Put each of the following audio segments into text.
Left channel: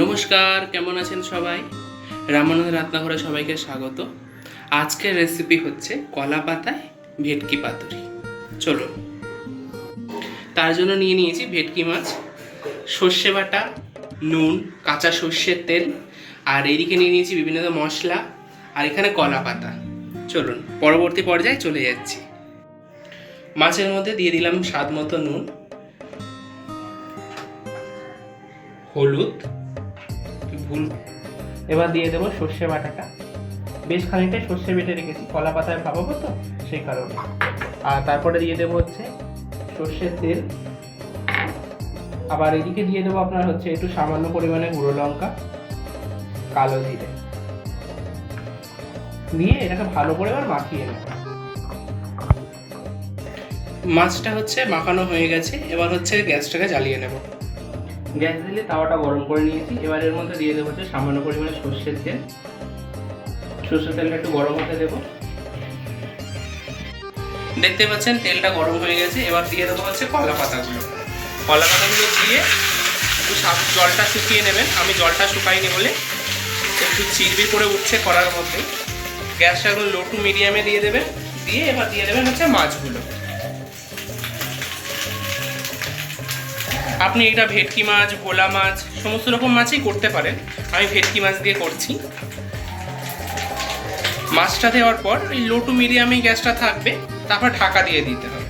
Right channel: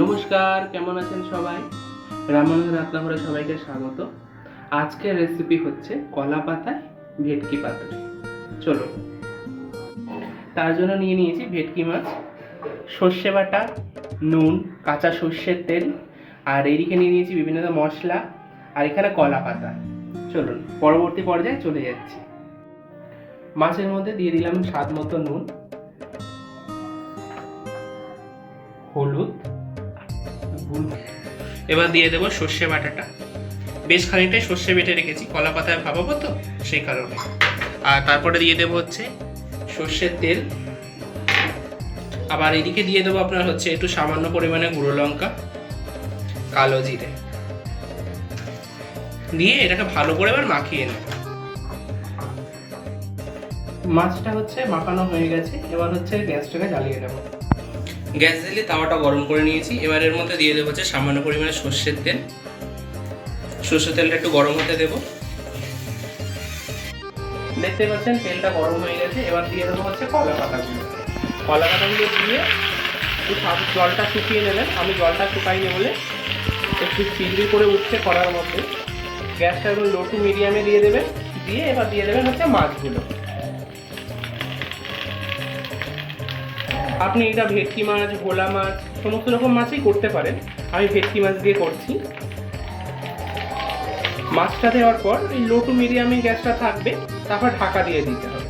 নমস্কার, কেমন আছেন সবাই? রামানন্দের রান্নাঘরে সবাইকে স্বাগত। আজকের রেসিপি হচ্ছে কলা পাতায় ভেটকি পাতুরি। চলুন, তার জন্য নিয়ে নিয়েছি ভেটকি মাছ, সর্ষে বাটা, নুন, কাঁচা সর্ষের তেল, আর এইদিকে নিয়ে নিয়েছি বিভিন্ন মশলা, আর এখানে কলা পাতা। চলুন পরবর্তী পর্যায়ে চলে যাচ্ছি। মাছের মধ্যে দিয়ে দিলাম স্বাদ মতো নুন, হলুদ, এবার দিয়ে দেবো সর্ষে বাটাটা। বেশ খানিকটাই সর্ষে বেটে রেখেছি, কলা পাতায় ভাপাবো তো সেই কারণে। আর তারপরে দিয়ে দেবো হচ্ছে সর্ষের তেল। আবার এদিকে দিয়ে দেবো আপনার হচ্ছে একটু সামান্য পরিমাণে গুঁড়ো লঙ্কা, কালো জিরে দিয়ে এটাকে ভালো করে এবার মাখিয়ে নেব। মাছটা হচ্ছে মাখানো হয়ে গেছে, এবার হচ্ছে গ্যাসটাকে জ্বালিয়ে নেব। গ্যাস দিলে তাওয়াটা গরম করে নিয়েছি। এবার এর মধ্যে দিয়ে দেবো হচ্ছে সামান্য পরিমাণে সর্ষের তেল। সর্ষের তেলটা একটু গরম হতে দেবো। দেখতে পাচ্ছেন তেলটা গরম হয়ে গেছে। এবার দিয়ে দেবো হচ্ছে কলা পাতাগুলো। কলা পাতাগুলো দিয়ে একটু জলটা শুকিয়ে নেবেন। আমি জলটা শুকাইনি বলে একটু চিরবির করে উঠছে কড়ার মধ্যে। গ্যাসটা একদম লো টু মিডিয়ামে দিয়ে দেবেন। দিয়ে এবার দিয়ে দেবেন হচ্ছে মাছগুলো। আপনি এটা ভেটকি মাছ, ভোলা মাছ, সমস্ত রকম মাছই করতে পারেন। আমি ভেটকি মাছ দিয়ে করছি। মাছটা দেওয়ার পর এই লো টু মিডিয়ামে গ্যাসটা থাকবে, তারপর ঢাকা দিয়ে দিতে হবে।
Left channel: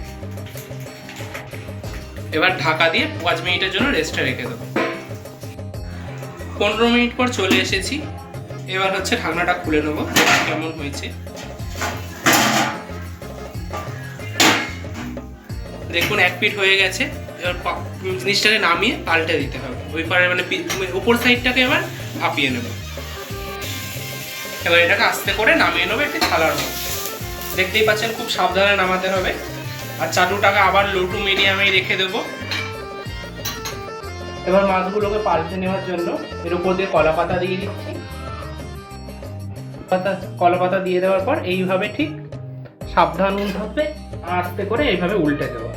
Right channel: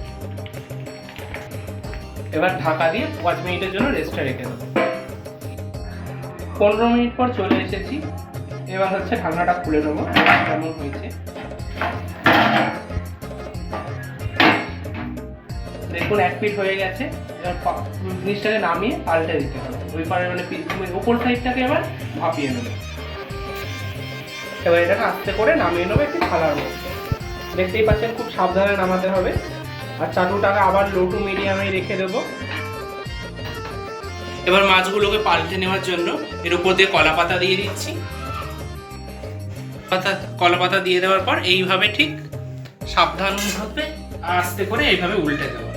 এবার ঢাকা দিয়ে 5 মিনিটের জন্য রেস্টে রেখে দেবো। 15 মিনিট পর চলে এসেছি। এবার হচ্ছে ঢাকনাটা খুলে নেবো কেমন হয়েছে। দেখুন এক পিঠ হয়ে গেছে। এবার জিনিসটাকে নামিয়ে পাল্টে দিতে হবে। ওই পারে মানে উপর সাইডটাকে এবার ভাপিয়ে নেব। এবার এটাকে আস্তে করে নামিয়ে নেবো একটি থালার মধ্যে। দেখতেই পাচ্ছেন খুব সাবধানে নামাতে হবে। আর চাটুটাকে আবার লো টু মিডিয়ামে রেখে দেবো। এবার মাছগুলোকে পাল্টে নেওয়ার জন্য এর উপর দিয়ে কলা পাতা দিয়ে দিচ্ছি। কলা পাতা দিয়ে দেওয়ার পর এইভাবে ঠিক সাবধানভাবে আস্তে করে এইভাবে উল্টে দেবো।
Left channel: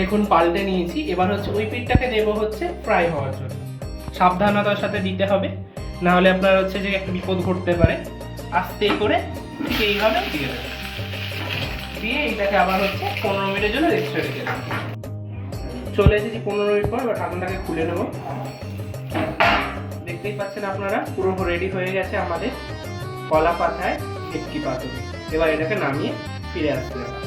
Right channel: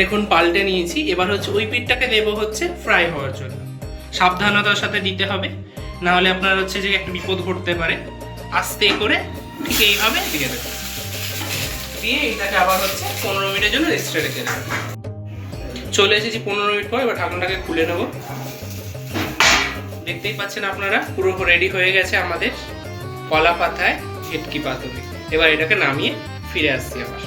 দেখুন পাল্টে নিয়েছি। এবার হচ্ছে ওই পিঠটাকে দেবো হচ্ছে ফ্রাই হওয়ার জন্য। সাবধানতার সাথে দিতে হবে, না হলে আপনার হচ্ছে যে একটা বিপদ ঘটতে পারে। আস্তে করে ঠিক এইভাবে দিয়ে দেবো। দিয়ে এইটাকে আবার হচ্ছে 15 মিনিটের জন্য রেস্টে রেখে দেবো। চলে এসেছি 15 মিনিট পর। এবার ঢাকনাটাকে খুলে নেব। দেখতেই পাচ্ছেন আপনারা পুরো রেডি হয়ে গেছে আমাদের কলা পাতায় ভেটকি পাতুরি। এবার এটাকে নামিয়ে ফিরে আসছি আবার।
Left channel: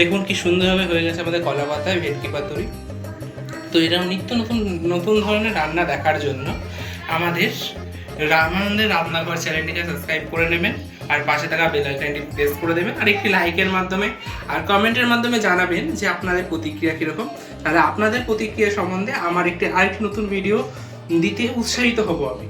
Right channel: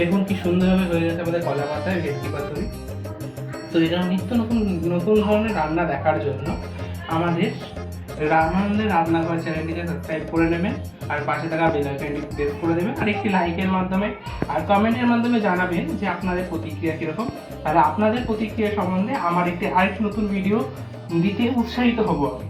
দেখুন কি সুন্দরভাবে হয়ে গেছে আমাদের কলা পাতায় ভেটকি পাতুরি। তো এরকম নিত্য নতুন নতুন ধরনের রান্না দেখার জন্য আমাদের রামানন্দের রান্নাঘর চ্যানেলটিকে সাবস্ক্রাইব করে নেবেন, আর পাশে থাকা বেল আইকনটি প্রেস করে দেবেন, আর একটি লাইকের মাধ্যমে আর কমেন্টের মাধ্যমে জানাবেন যে আপনাদের প্রতিক্রিয়া কীরকম। তাহলে আপনাদের প্রতিক্রিয়া সম্বন্ধে আমার আরেকটি নতুন ভিডিও দিতে উৎসাহিত হব আমি।